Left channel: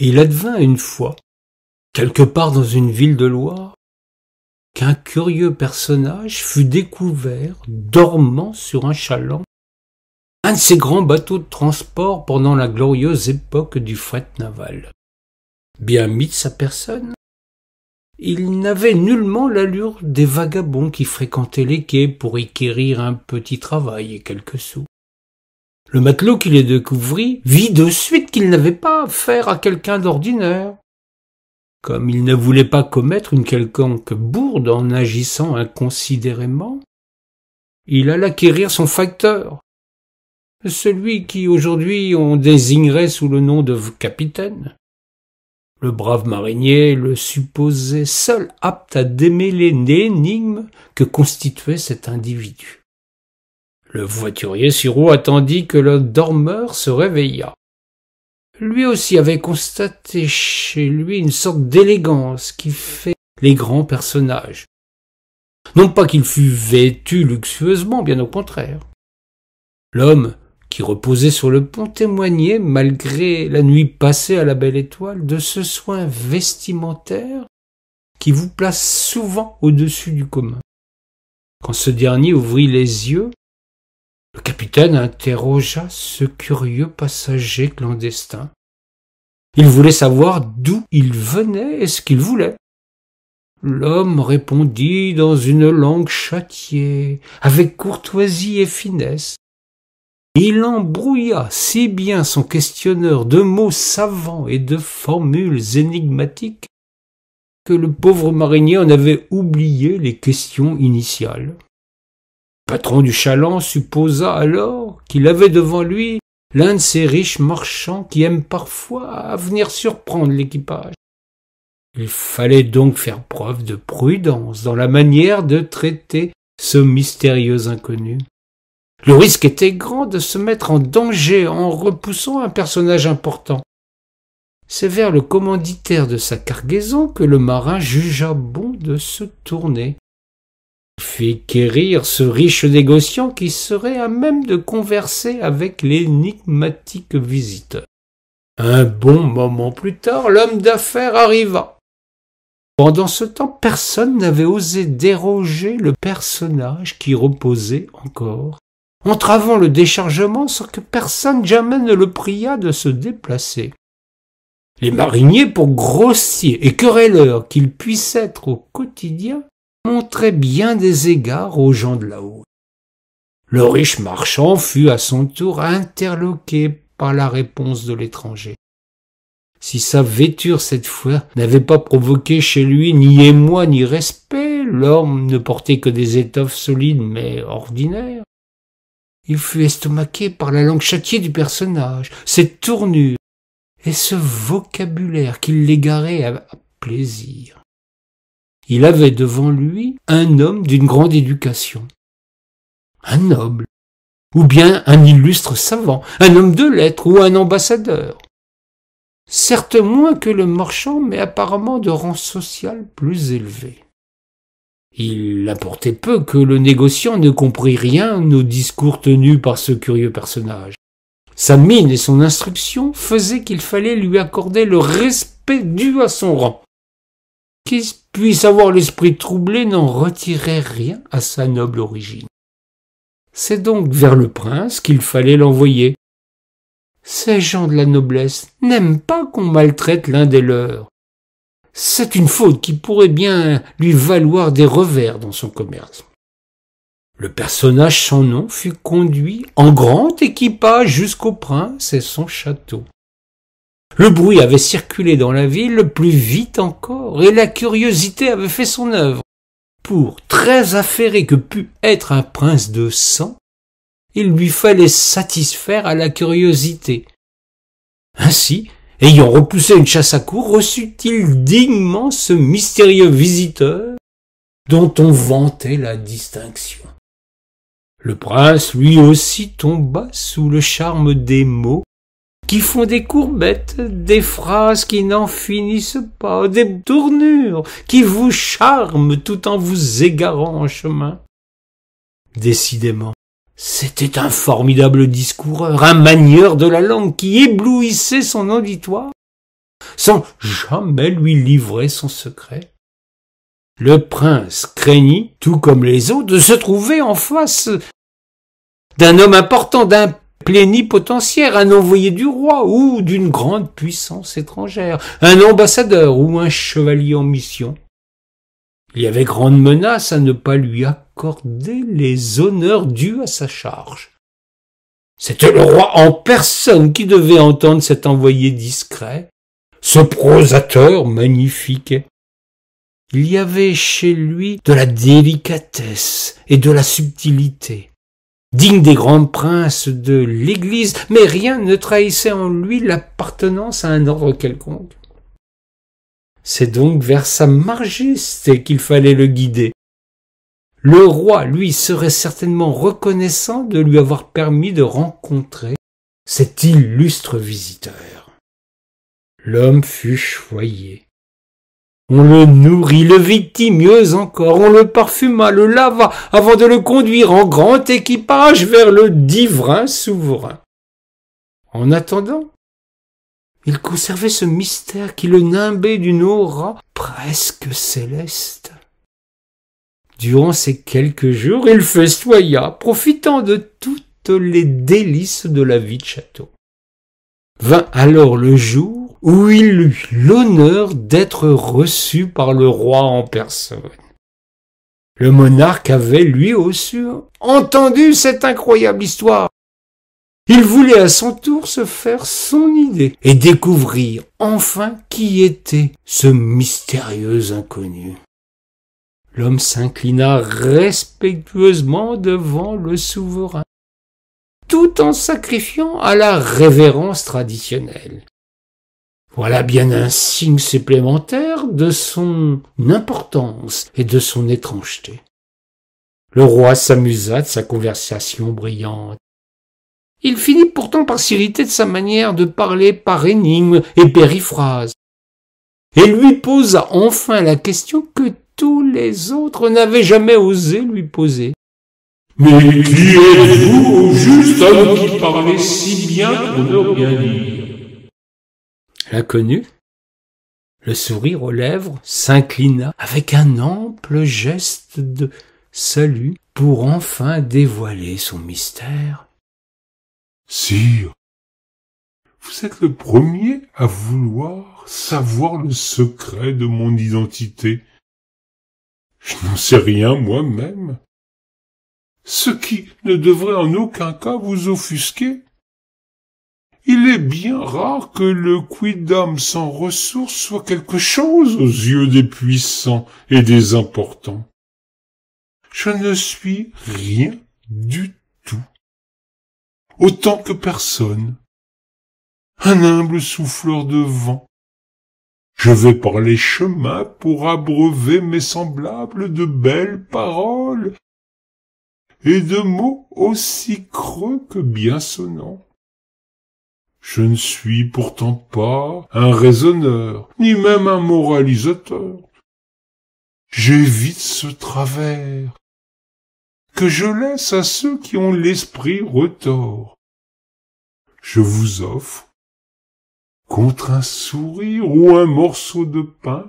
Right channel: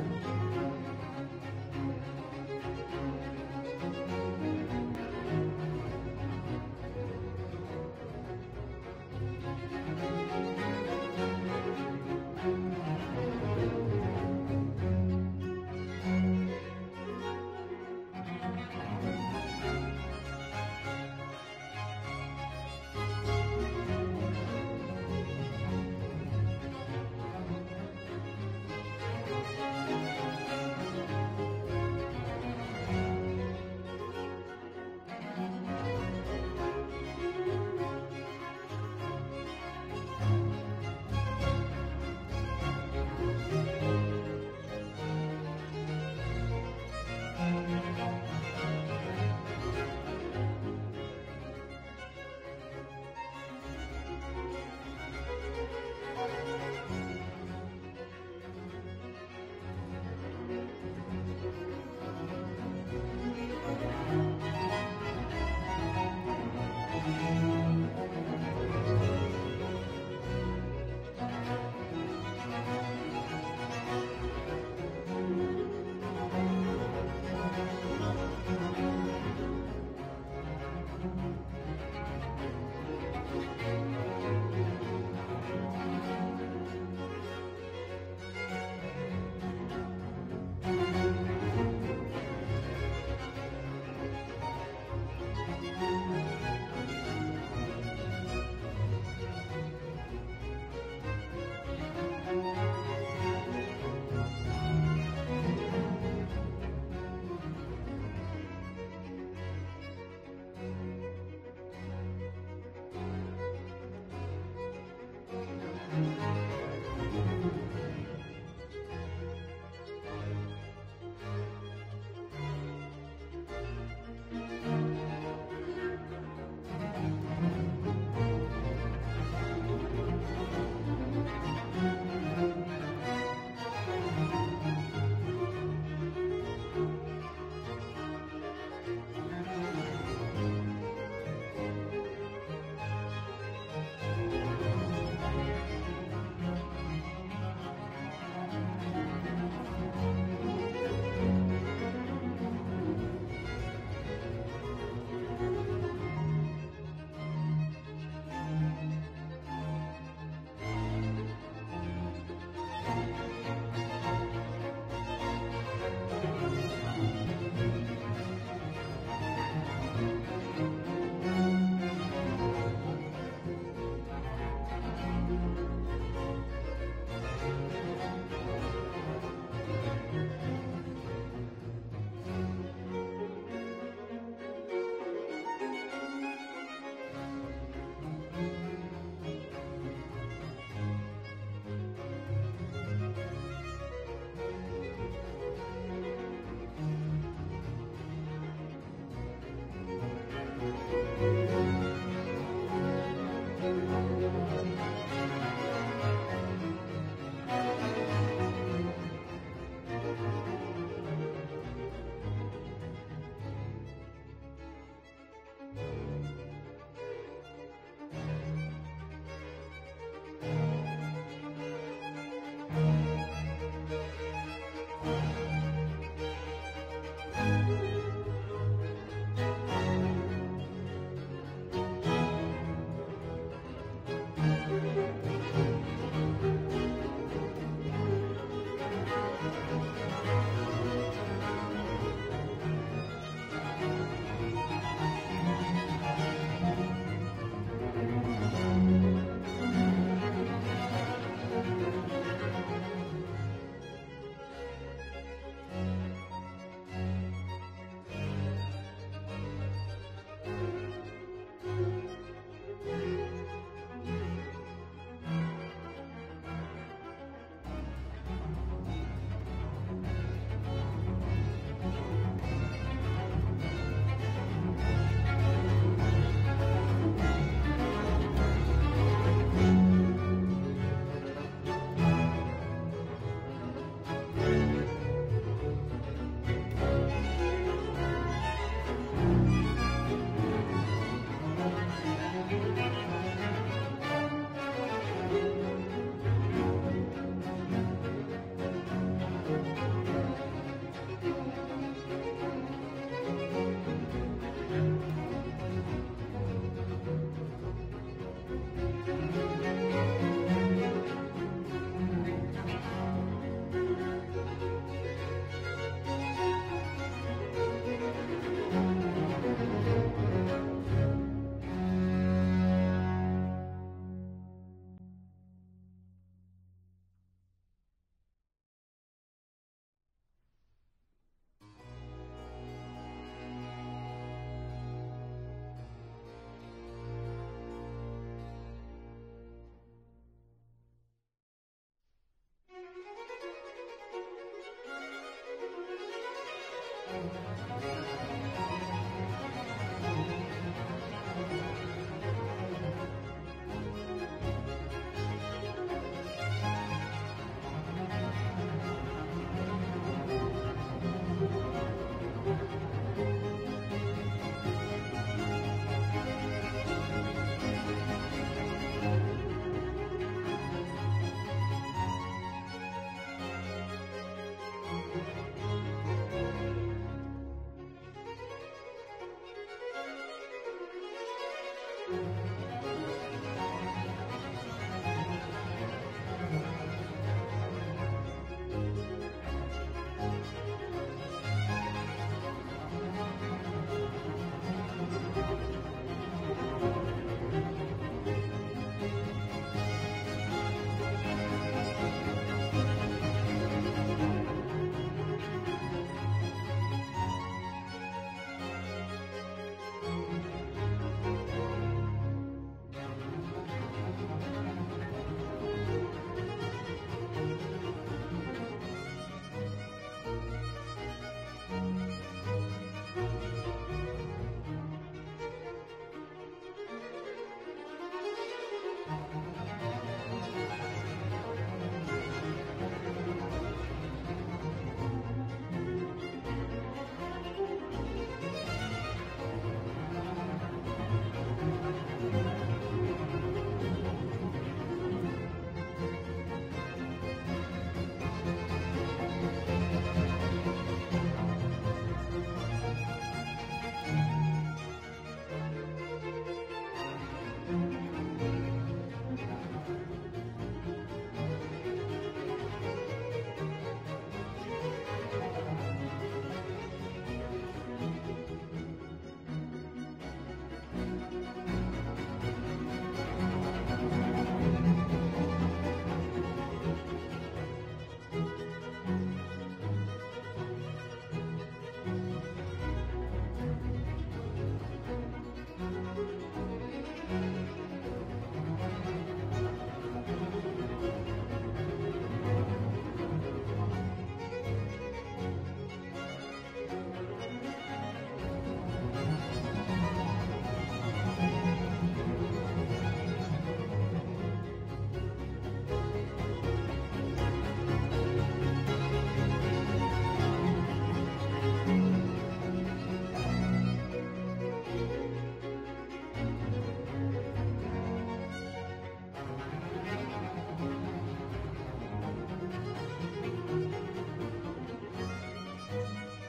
Et il advint une fois, quelque part dans une ville de Loire, qu'un curieux personnage fut découvert dormant sur un chaland, un de ces grands bateaux de transport pendant la glorieuse époque du fret naval. Bien mis de sa personne, il n'avait nullement l'allure des vagabonds qui fréquentaient les quais pour y quérir un petit travail et quelques sous. Le matelot qui les découvrit vit de suite qu'il n'avait pas affaire à quelqu'un d'ordinaire. Comme il ne voulait pas commettre une quelconque bourde en agissant inconsidérément, il alla quérir son facteur, celui qui aujourd'hui on désignerait sous le nom de capitaine. Le brave marinier le supposait seul apte à démêler l'énigme que constituait cet individu. Le voiturier Sureau attendit que le dormeur se réveillât. Lui aussi avait constaté chez lui une sorte d'élégance qui fait les grands personnages. Non pas qu'il fût vêtu luxueusement, bien au contraire. L'homme qui reposait sur le pont témoignait, malgré la nuit passée à la Belle Étoile, de ce soin vestimentaire qui vous place souvent au-dessus du commun. Quand ce dernier ouvrit les yeux, le capitaine interrogea ce curieux passager clandestin. Il voulait savoir d'où il venait et ce qu'il voulait. L'homme répondit dans une langue châtiée, avec courtoisie et finesse. Il embrouilla si bien son questionneur de mots savants et de formules énigmatiques que le pauvre marinier en avait oublié les questions initiales. Le patron du chaland supposa alors qu'il avait devant lui l'un de ces riches marchands qui aiment parfois à venir surprendre l'équipage. Il fallait donc faire preuve de prudence dans la manière de traiter ce mystérieux inconnu. Le risque était grand de se mettre en danger en repoussant un personnage important. C'est vers le commanditaire de sa cargaison que le marin jugea bon de se tourner. Il fit quérir ce riche négociant qui serait à même de converser avec l'énigmatique visiteur. Un bon moment plus tard, l'homme d'affaires arriva. Pendant ce temps, personne n'avait osé déroger le personnage qui reposait encore, entravant le déchargement sans que personne jamais ne le priât de se déplacer. Les mariniers, pour grossiers et querelleurs qu'ils puissent être au quotidien, montraient bien des égards aux gens de là-haut. Le riche marchand fut à son tour interloqué par la réponse de l'étranger. Si sa vêture cette fois n'avait pas provoqué chez lui ni émoi ni respect, l'homme ne portait que des étoffes solides mais ordinaires. Il fut estomaqué par la langue châtiée du personnage, cette tournure et ce vocabulaire qui l'égarait à plaisir. Il avait devant lui un homme d'une grande éducation, un noble, ou bien un illustre savant, un homme de lettres ou un ambassadeur. Certes moins que le marchand, mais apparemment de rang social plus élevé. Il importait peu que le négociant ne comprit rien aux discours tenus par ce curieux personnage. Sa mine et son instruction faisaient qu'il fallait lui accorder le respect dû à son rang. Qu'il puisse avoir l'esprit troublé n'en retirait rien à sa noble origine. C'est donc vers le prince qu'il fallait l'envoyer. Ces gens de la noblesse n'aiment pas qu'on maltraite l'un des leurs. C'est une faute qui pourrait bien lui valoir des revers dans son commerce. Le personnage sans nom fut conduit en grand équipage jusqu'au prince et son château. Le bruit avait circulé dans la ville plus vite encore, et la curiosité avait fait son œuvre. Pour très affairé que pût être un prince de sang, il lui fallait satisfaire à la curiosité. Ainsi, ayant repoussé une chasse à courre, reçut-il dignement ce mystérieux visiteur dont on vantait la distinction. Le prince lui aussi tomba sous le charme des mots qui font des courbettes, des phrases qui n'en finissent pas, des tournures qui vous charment tout en vous égarant en chemin. Décidément, c'était un formidable discoureur, un manieur de la langue qui éblouissait son auditoire. sans jamais lui livrer son secret. Le prince craignit, tout comme les autres, de se trouver en face d'un homme important, d'un plénipotentiaire, un envoyé du roi ou d'une grande puissance étrangère, un ambassadeur ou un chevalier en mission. Il y avait grande menace à ne pas lui accorder les honneurs dus à sa charge. C'était le roi en personne qui devait entendre cet envoyé discret, ce prosateur magnifique. Il y avait chez lui de la délicatesse et de la subtilité, digne des grands princes de l'Église, mais rien ne trahissait en lui l'appartenance à un ordre quelconque. C'est donc vers sa majesté qu'il fallait le guider. Le roi, lui, serait certainement reconnaissant de lui avoir permis de rencontrer cet illustre visiteur. L'homme fut choyé. On le nourrit, le vêtit mieux encore, on le parfuma, le lava, avant de le conduire en grand équipage vers le divin souverain. En attendant, il conservait ce mystère qui le nimbait d'une aura presque céleste. Durant ces quelques jours, il festoya, profitant de toutes les délices de la vie de château. Vint alors le jour où il eut l'honneur d'être reçu par le roi en personne. Le monarque avait lui aussi entendu cette incroyable histoire. Il voulait à son tour se faire son idée et découvrir enfin qui était ce mystérieux inconnu. L'homme s'inclina respectueusement devant le souverain, tout en sacrifiant à la révérence traditionnelle. Voilà bien un signe supplémentaire de son importance et de son étrangeté. Le roi s'amusa de sa conversation brillante. Il finit pourtant par s'irriter de sa manière de parler par énigmes et périphrases, et lui posa enfin la question que tous les autres n'avaient jamais osé lui poser. « Mais qui êtes-vous au juste homme qui parlait si bien pour ne rien dire ?» L'inconnu, le sourire aux lèvres, s'inclina avec un ample geste de salut pour enfin dévoiler son mystère. « Sire, vous êtes le premier à vouloir savoir le secret de mon identité. Je n'en sais rien moi-même. Ce qui ne devrait en aucun cas vous offusquer. Il est bien rare que le quidam sans ressources soit quelque chose aux yeux des puissants et des importants. Je ne suis rien du tout. Autant que personne. Un humble souffleur de vent. Je vais par les chemins pour abreuver mes semblables de belles paroles et de mots aussi creux que bien sonnants. Je ne suis pourtant pas un raisonneur, ni même un moralisateur. J'évite ce travers que je laisse à ceux qui ont l'esprit retors. Je vous offre, contre un sourire ou un morceau de pain,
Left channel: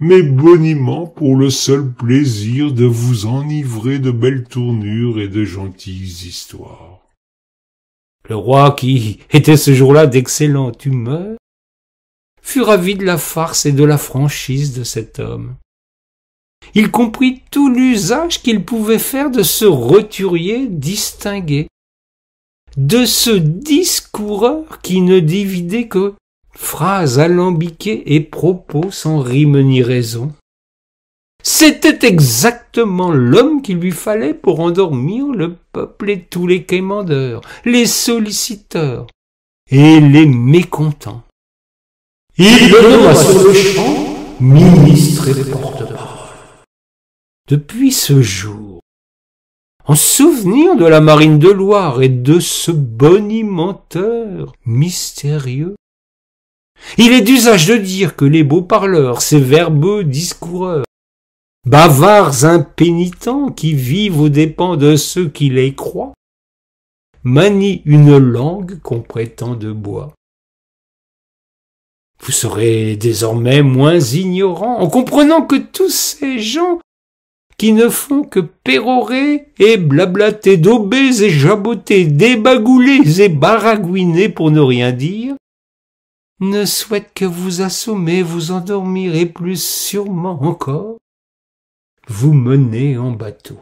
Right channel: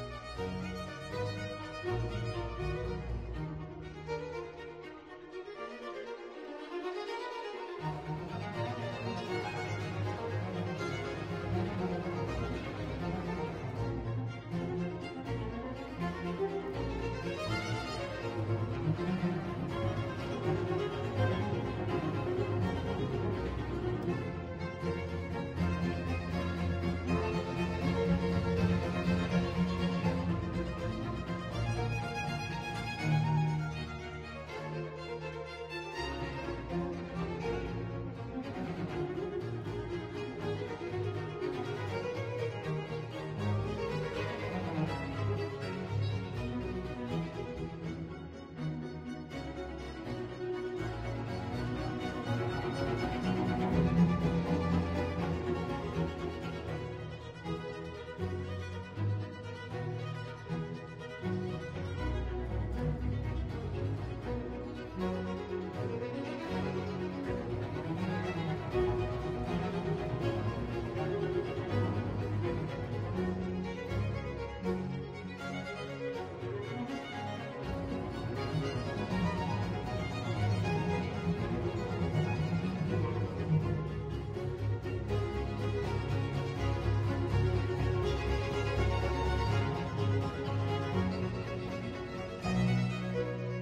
mes boniments pour le seul plaisir de vous enivrer de belles tournures et de gentilles histoires. Le roi, qui était ce jour-là d'excellente humeur, fut ravi de la farce et de la franchise de cet homme. Il comprit tout l'usage qu'il pouvait faire de ce roturier distingué, de ce discoureur qui ne dividait que phrases alambiquées et propos sans rime ni raison. C'était exactement l'homme qu'il lui fallait pour endormir le peuple et tous les quémandeurs, les solliciteurs et les mécontents. Il le nomma sur le champ ministre et porte-parole. Depuis ce jour, en souvenir de la marine de Loire et de ce bonimenteur mystérieux, il est d'usage de dire que les beaux parleurs, ces verbeux discoureurs, bavards impénitents qui vivent aux dépens de ceux qui les croient, manient une langue qu'on prétend de bois. Vous serez désormais moins ignorant en comprenant que tous ces gens qui ne font que pérorer et blablater, dauber et jaboter, débagouler et baragouiner pour ne rien dire, ne souhaitent que vous assommer, vous endormir et plus sûrement encore, vous mener en bateau.